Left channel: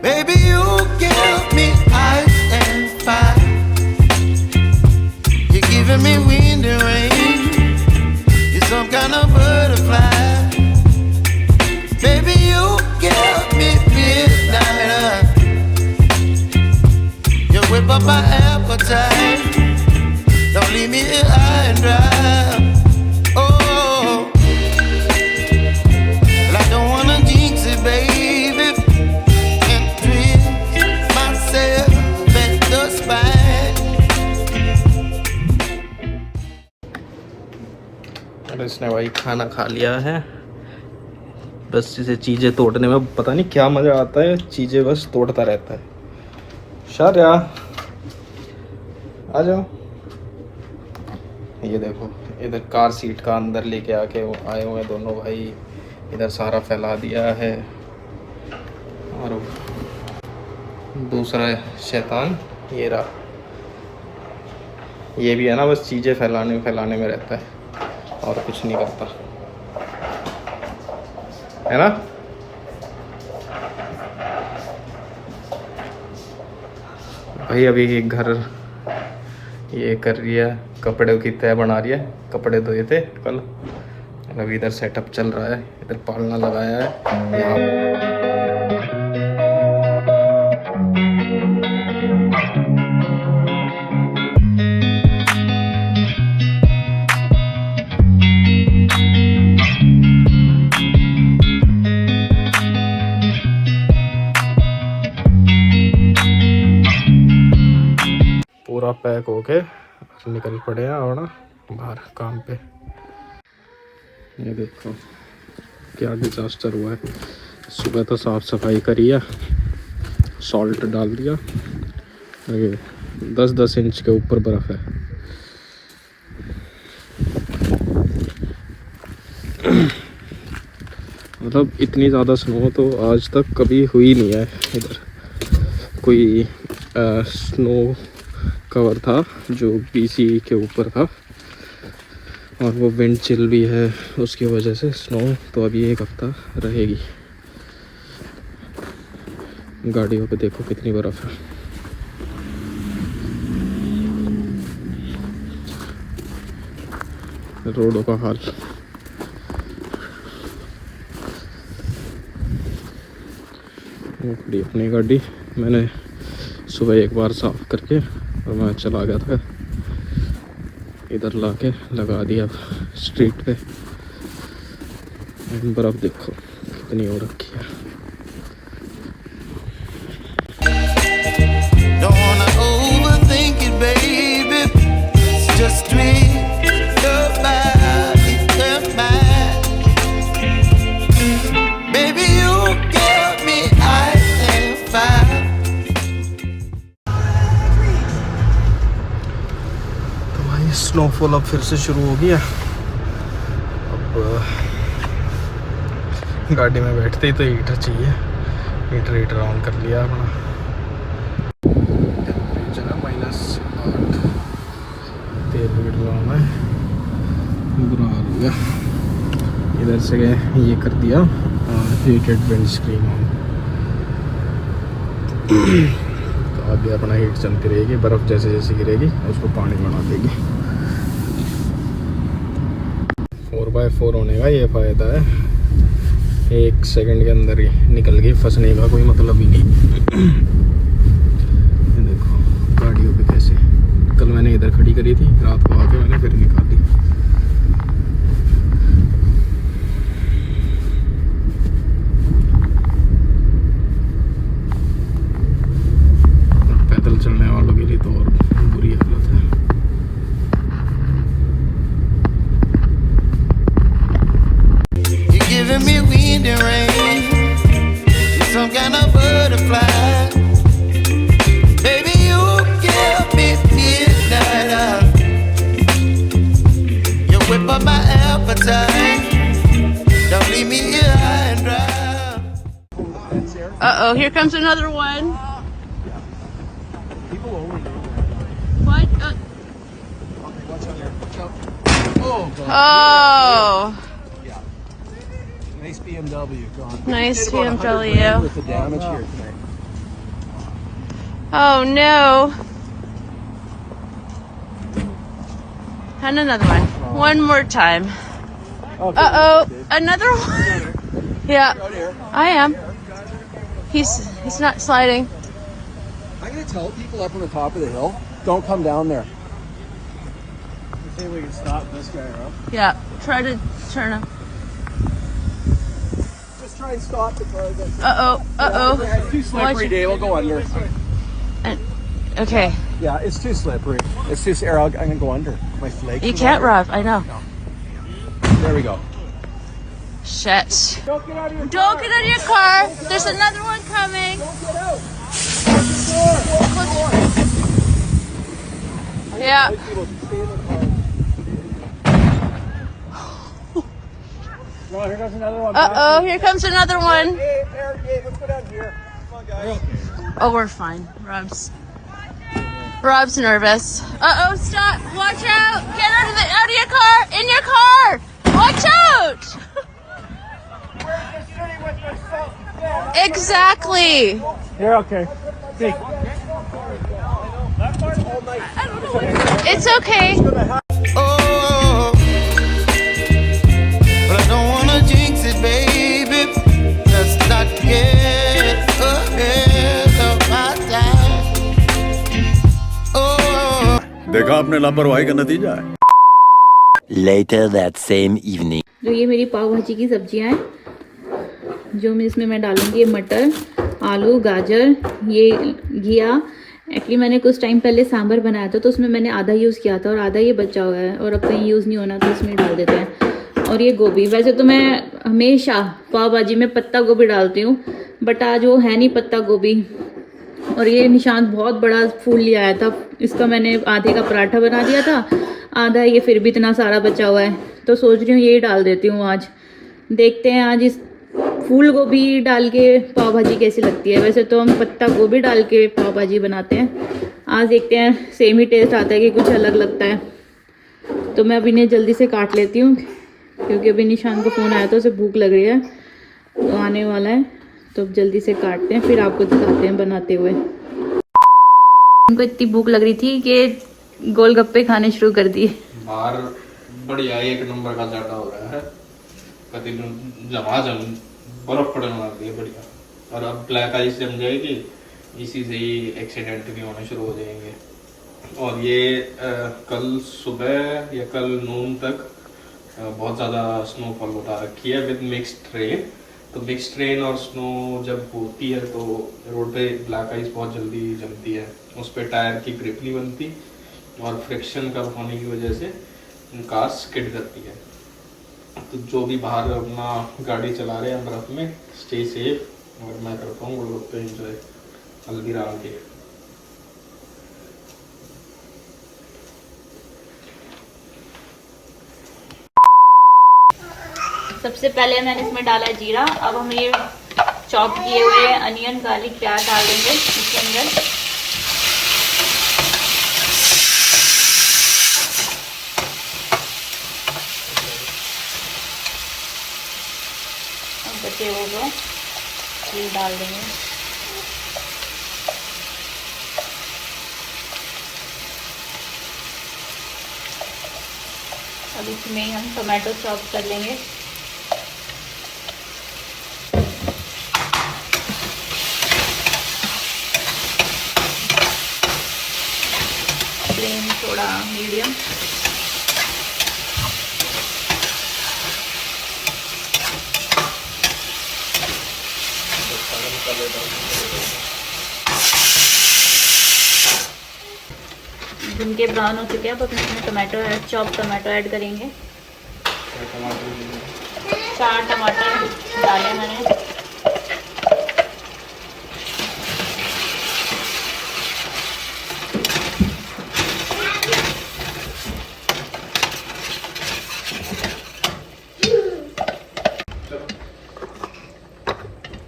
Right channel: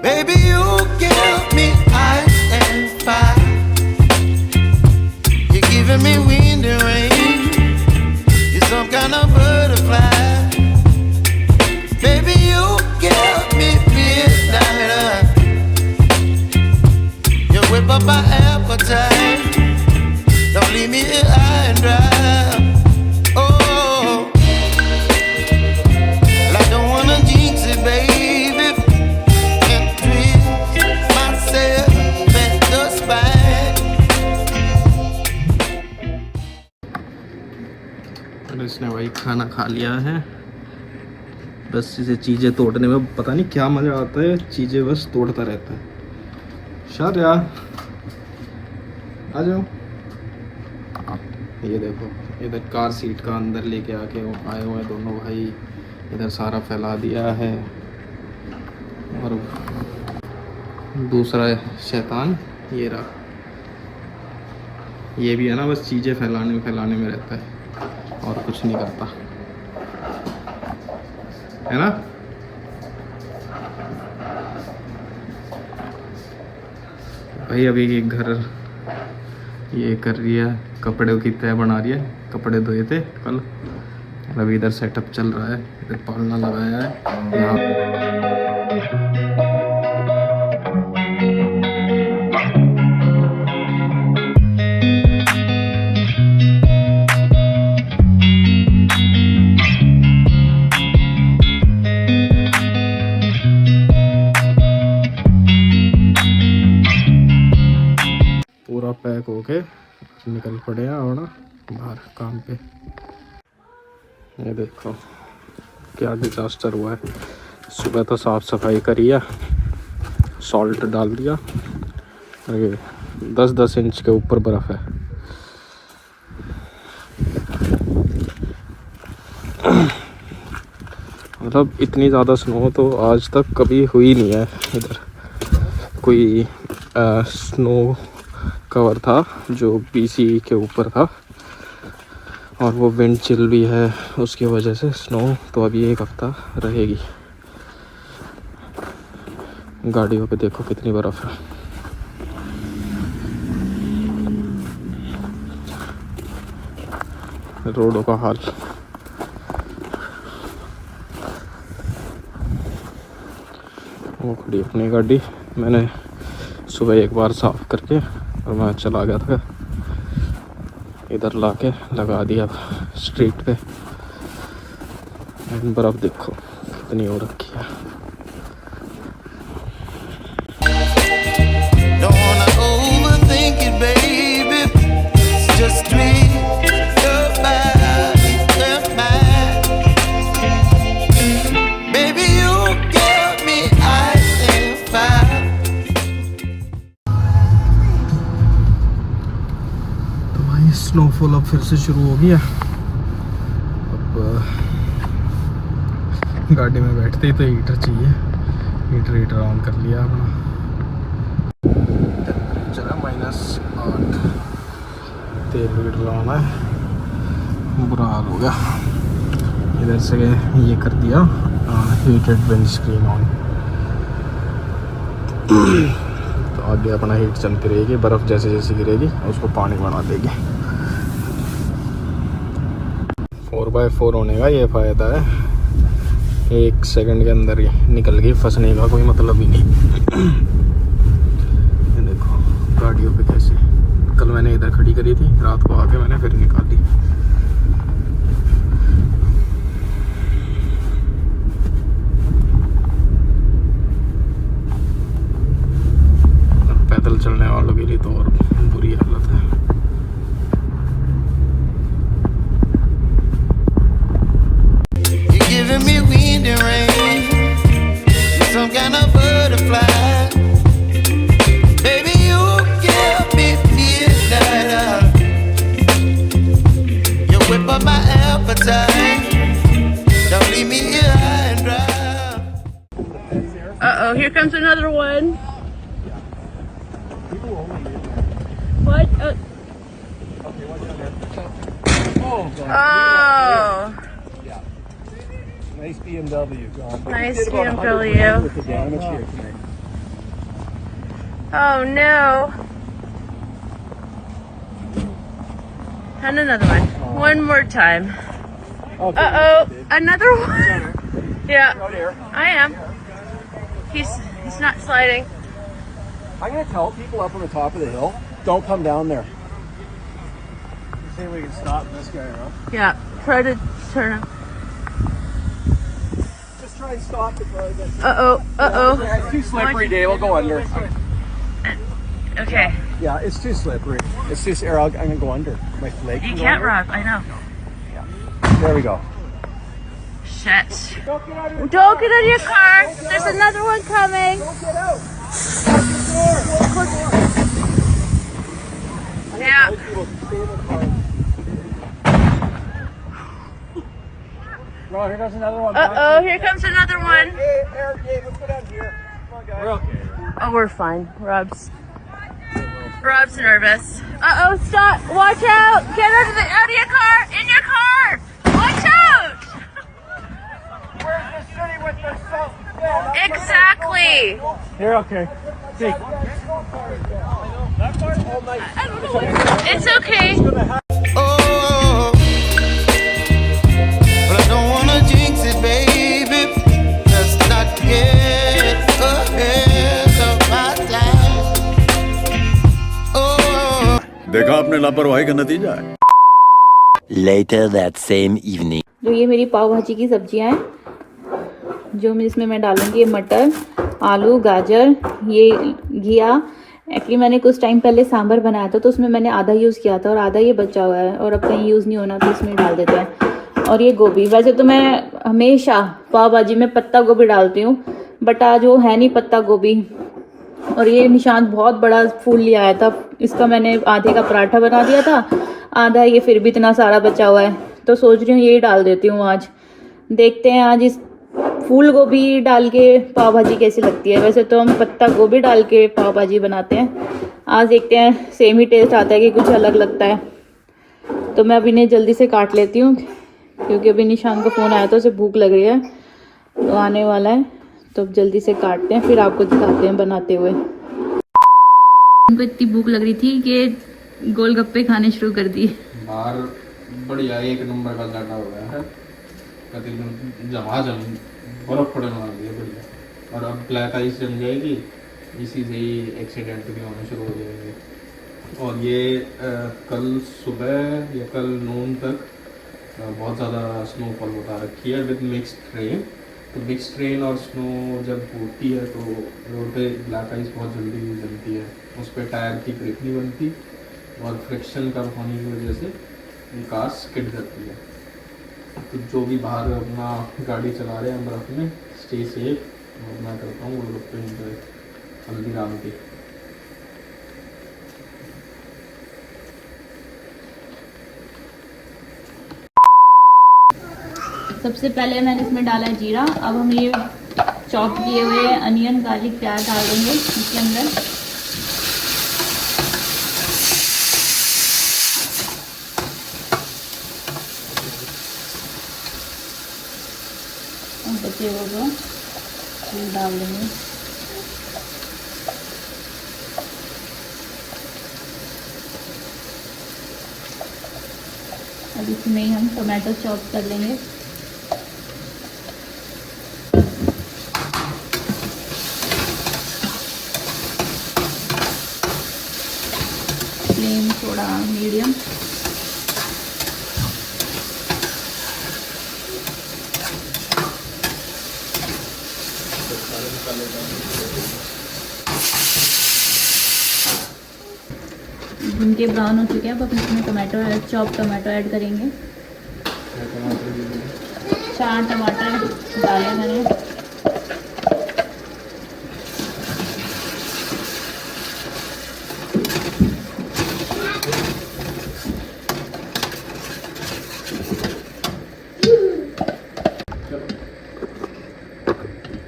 Baby, you give me ice and fire. You're giving me wind and rain. You're some kind of butterfly. Baby, you give me midnight. You whip up my appetite. Don't leave me here high and dry. Oh, well, I don't wanna jinx it, baby. Can't twist myself at the spine. अरे इसने भाई खाना खा लिया है। बस इसे चीज़ें तोड़ने में पता नहीं क्या मज़ा आता है, चीज़ें बस तोड़ता रहता है। शारिया आ जाओ। ये देखो इधर कार सीट का अंदर लेके आके आए हुए हैं दोनों भाई। इधर सारा फैला दिया है। और दूसरा शैतान ये रहा। ये भी है ना, बस चीज़ें फैलाने में रहता है और कुछ नहीं करता है ना। भाई अभी घर ये कर रही है, कपड़े की तय बना रही है। कपड़े धोए थे कल। अभी इधर सेटअप चल रहा है, इधर पालना लगाया है यहाँ। पूरा पैक होके निकल पड़े हैं और बाहर काम पे। ये देखो क्या डिजास्टर हुआ है। सुबह तो साफ सफाई करी है, सॉल्ट डाल दिया। ये 10-10 इंच के ऊपर बर्फ है। मतलब इतनी ज़्यादा स्नो तो आज तक कभी हुई नहीं है इधर। कोई स्नो कवर था जो BC के ऊपर था, और वो विंड चिल भी है, उसकी वजह से स्नो तो अभी 1 हफ्ता रहेगी। गाड़ियों पे देखो कितनी बर्फ है। रोडों का हाल। वो खड़ी अपनी गाड़ी, मैंने सुबह एक बार साफ करके और मैं चला गया था, इधर लाके लगा दिया स्ट्रीट पे। बर्फ देखो कितनी हो रखी है। Don't wanna overthink it, baby. It's just tweet your body and mine. Baby, you give me ice and fire. तो भाई स्नोफॉल अब फिर से शुरू हो गया। अब गाड़ी में बैठते ही तो हीटर चाहिए। हीटर ऑन कर लिया अपना। टेम्परेचर है -8। तेल भी डलवाना है, बुरा हाल हो गया। इधर से ये कर दिया हीटेड विंड स्क्रीन ऑन। तो आगे अपना हीट चलती रहेगी, बर्फ़ जैसे जैसे गिरेगी उसको पानी बढ़ा देगी। 4x4 होने का ये फ़ायदा है, 1 सेकंड के अंदर ही निकल गई, फंसने का कोई मतलब ही नहीं। ये देखो गाड़ियों पे कैसे, कल मैंने इधर खड़ी करी थी, रात को आके मैंने फिर निकाली। पैदल चलने वालों के लिए तो और बुरी हालत है। You're giving me wind and rain. You're some kind of butterfly. Baby, you give me midnight. You whip up my appetite. Don't leave me here high and dry. Uh-oh, here comes another one. What? Oh. Nice BMW, John. Nice Did about 100 BMW. grand with the damage here tonight. Oh no. And another one. One more time. Uh-oh. Another one. Yeah. I am. He's not sliding. I'm gonna tell people up on the top of the hill, don't come down there. You think we can stop this guy, huh? Yeah. Try to turn him. Just try and stop the car. Uh-oh. Uh-oh. It's too slippery, Dave. We'll go under. Okay. Yeah, it's too slippery. It's just air. I'm gonna go under. You can't, Rob. I know. There we go. Shit. Don't get out of your car. There's another one coming. Yeah. Ron, here comes another one. Uh-oh, here comes another one. Hey, let's go down here. We're okay. Oh, we're fine. Rob's nervous. Uh-oh, stop. Watch out. Get out of your car. In your car. Watch out. We're in the city with the sun. Exactly. You're okay. See. It's okay. Oh, but I don't wanna jinx it, baby. Let's not get ahead of my time. Oh. देखा आपने लापरवाही का नतीजा है। Later that same evening. जो ये मेरी पाव भाजी की सब्जियां हैं, जो इसमें मैं डालूंगी मटर, आलू, गाजर, ये घिया। एक्चुअली मैंने कुछ टाइम पहले सांभर बनाया था तो उसमें मैंने आधा यूज़ किया था और आधा ये बचा हुआ है और अब कहीं यूज़ नहीं होना तो इसमें डाल देते हैं। और ये गोभी, वैसे तो मैं हमेशा पाव भाजी में पत्ता गोभी डालती हूँ बट आज वो है नहीं पत्ता गोभी। और ये निशांत बहुत बड़ा फूल लिया आया था, इसका मैंने आधे का पराठा बना दिया था, आधा ये फिर भी इतना सारा बचा हुआ है तो सोच रही हूँ यही डाल देती हूँ आज। देखते हैं आज इस फूल गोभी डाल के पाव भाजी कैसी लगती है। वैसे तो हम पत्ता गोभी डाल के पाव भाजी बनाते हैं, आज देखते हैं सेम ही टेस्ट आता है कि कुछ अलग लगता है। तो मैं अभी इन्हें जल्दी से काट लेती हूँ क्योंकि अभी निशान का फ़ोन आया तो उसे भूख लग रही है तो आने वाला है, तो जल्दी से काटते हैं फिर आपको दिखाते हैं बनाते हुए। उनको इतनी भूख लग रही थी कि गोलगप्पे खाने शुरू कर दिए। बाहर बढ़िया एक नंबर का जाटा हो गया है, बर्फ पड़ने लग गई है बढ़िया। और अब ब्लैक आइस जम जाएगी, इसी से ही एक्सीडेंट भी होने शुरू हो जाएंगे। और ये कल सुबह या कल नून तक बहुत ज़्यादा स्नोफॉल उठा रखी है विद मिक्स्ड रेन। तो मिक्स्ड रेन और स्नो जब होती है तो रोड पे ब्लैक आइस बहुत जल्दी जमती है, उस पर टायर की ग्रिप नहीं बनती और फ्रिक्शन कम होने की वजह से कार स्किड करती है। तो जो भी बाहर अपना गाड़ी चला रहे हैं बर्फ में, स्टे सेफ। और मैं करता हूँ गोलगप्पे एंजॉय हल्दीराम के। सबसे पहले मैंने इसमें डाला है जीरा। अब हम ये चॉप किए हुए अनियन, गार्लिक, प्याज डाल देंगे इसके अंदर। बचे हुए जो ये डाल देंगे। अब इसमें हम टोमेटो चॉप कर लेंगे। फ्लेम थोड़ा मीडियम। उनके ब्राउन हो चुके हैं, अब इसमें tomato add, chop tomato add करेंगे। 4 टमाटर डाले मैंने।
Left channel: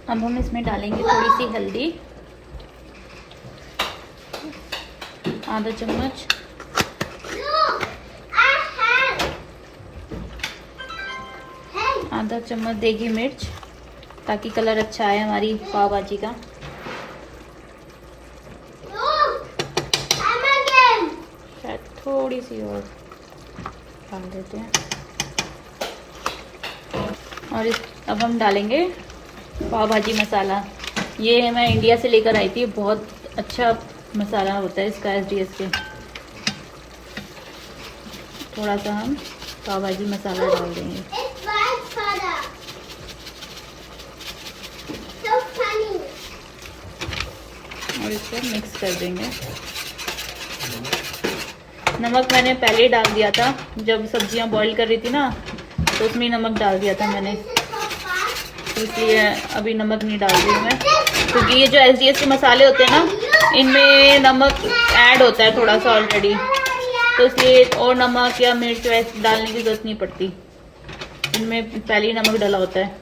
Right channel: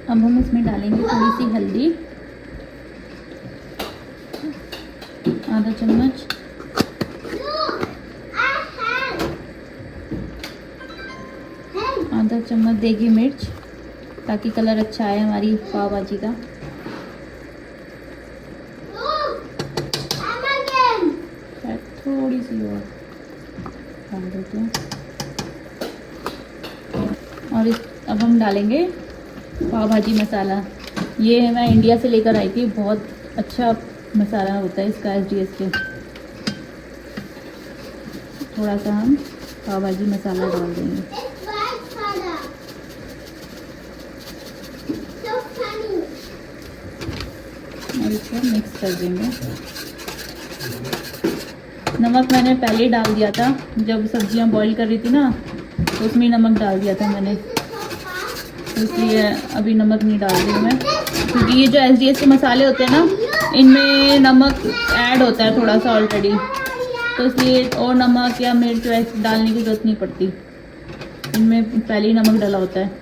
अब हम इसमें डालेंगे थोड़ी सी हल्दी, आधा चम्मच, आधा चम्मच देगी मिर्च ताकि कलर अच्छा आए हमारी पाव भाजी का। थोड़ी सी और डाल देते हैं। और अब हम डालेंगे पाव भाजी मसाला। ये मैं इंडिया से लेकर आई थी, बहुत अच्छा मसाला होता है इसका SDS के। थोड़ा सा हम पाव भाजी मसाला डाल देंगे और इसको मिक्स कर देंगे। नमक मैंने पहले ही डाल दिया था, जब सब्जियां बॉईल कर रही थी ना तो उसमें नमक डाल दिया था मैंने, इसलिए अभी नमक नहीं डाल रही मैं, क्योंकि ये जो SDS के मसाले होते हैं ना इनमें नमक ऐड होता है थोड़ा सा ऑलरेडी, तो इसलिए और नमक या मिर्च वैसे डालने की जरूरत नहीं पड़ती, इनमें पहले ही नमक डाला होता है।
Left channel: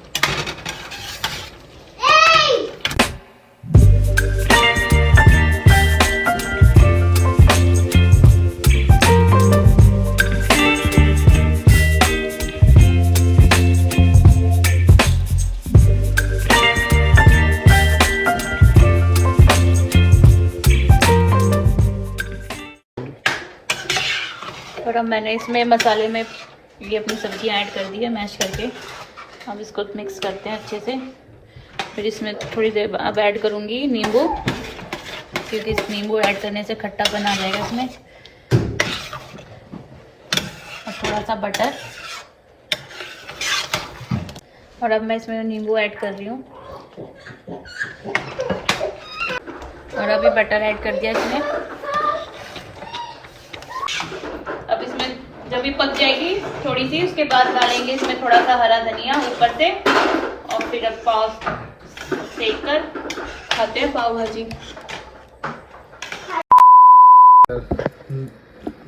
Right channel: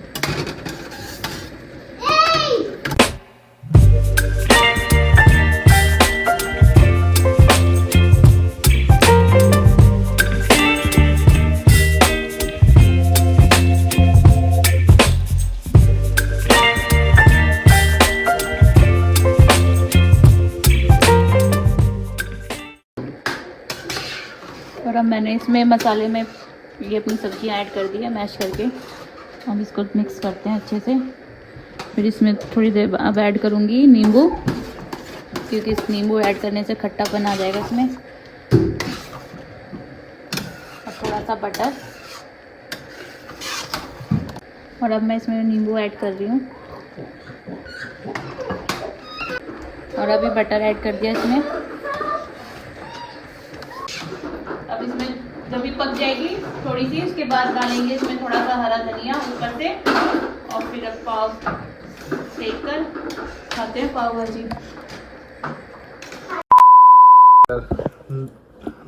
और अब मैंने इसमें मसाले में ये अपनी सब्जियां ऐड कर दी है मैश करके। अब इसको मिक्स करते हैं अच्छे से। फिर इसमें थोड़ी देर अब ऐड करूँगी नींबू, क्योंकि इस नींबू ऐड करने से खट्टापन आ जाएगा इसमें। और थोड़ा सा बटर, और अब मैं इसमें नींबू ऐड कर रही हूँ और अभी बटर ऐड कर दिया इसमें। अब इसमें जब भी पक जाएगी थोड़ी सी, उसके बाद डालेंगे इसमें थोड़ा सा हरा धनिया ऊपर से, और फिर अब पाव सेक कर खाते हैं पाव भाजी।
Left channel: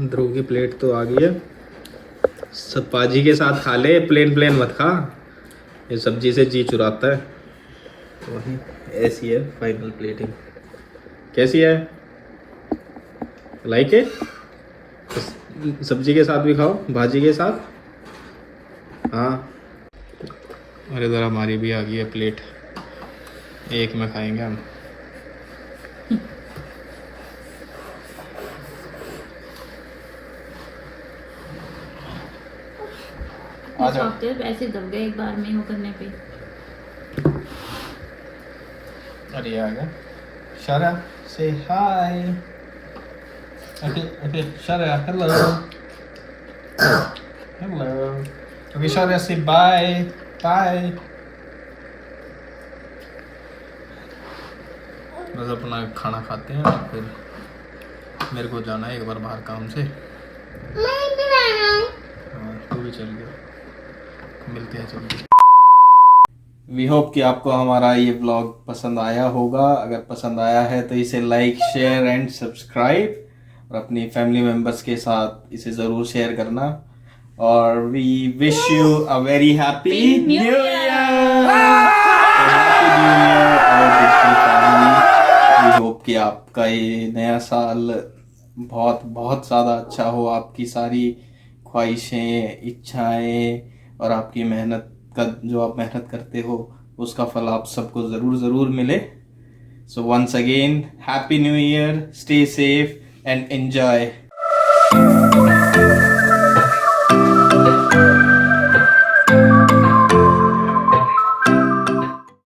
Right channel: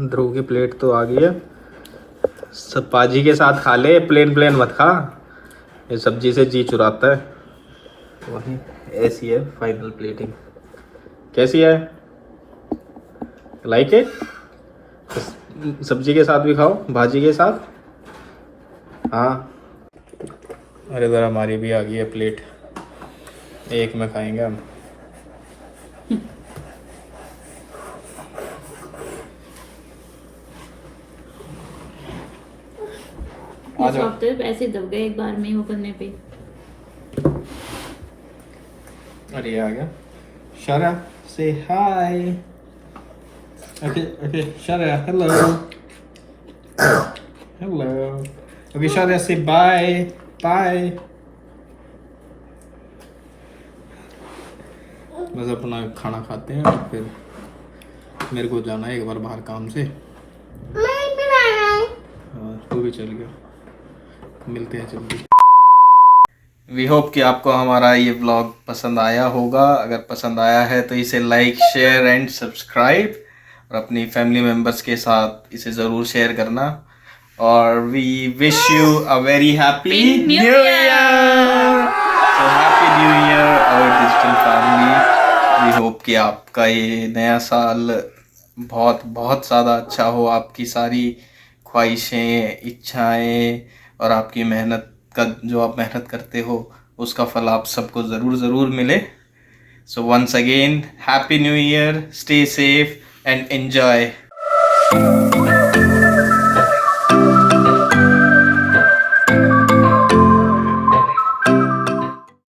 ध्रुव की प्लेट तो आ गई है, सब पाजी के साथ खा ले, प्लेन प्लेन मत खा, ये सब्जी से जी चुराता है। वही ऐसी है फाइनल प्लेटिंग। कैसी है, लाइक है? सब्जी के साथ भी खाओ, भाजी के साथ। हाँ, और इधर हमारी भी आ गई है प्लेट, एक में खाएंगे हम। ऐसे दब गए एक बार में वो करने पे। अरे आ गया Shara, say hi. Okay, Shara, hello. Hello. Okay, Shara, say bye. Bye. बस अपना खाना खाते हैं और फिर मेरे को जाना है एक बार बाहर काम से। तू भी चल गया, मिलते हैं जल्दी। वी होप कि आपको हमारा ये व्लॉग पसंद आया होगा। अगर पसंद आया है तो इसे लाइक, शेयर एंड सब्सक्राइब, और अपनी फैमिली मेम्बर्स के साथ इसे ज़रूर शेयर करना। और we wish you a very happy new year. Happy new year और डिजिटल फैमिली। वी होप कि आपका ये नया साल बहुत बहुत ज़्यादा अच्छा हो, आपकी सारी ख्वाहिशें, इच्छाएं और आपकी मेहनत का जो आप मेहनत करते हो उसका फल आप सबको ज़रूर मिले। So once again happy new year, stay safe and enjoy.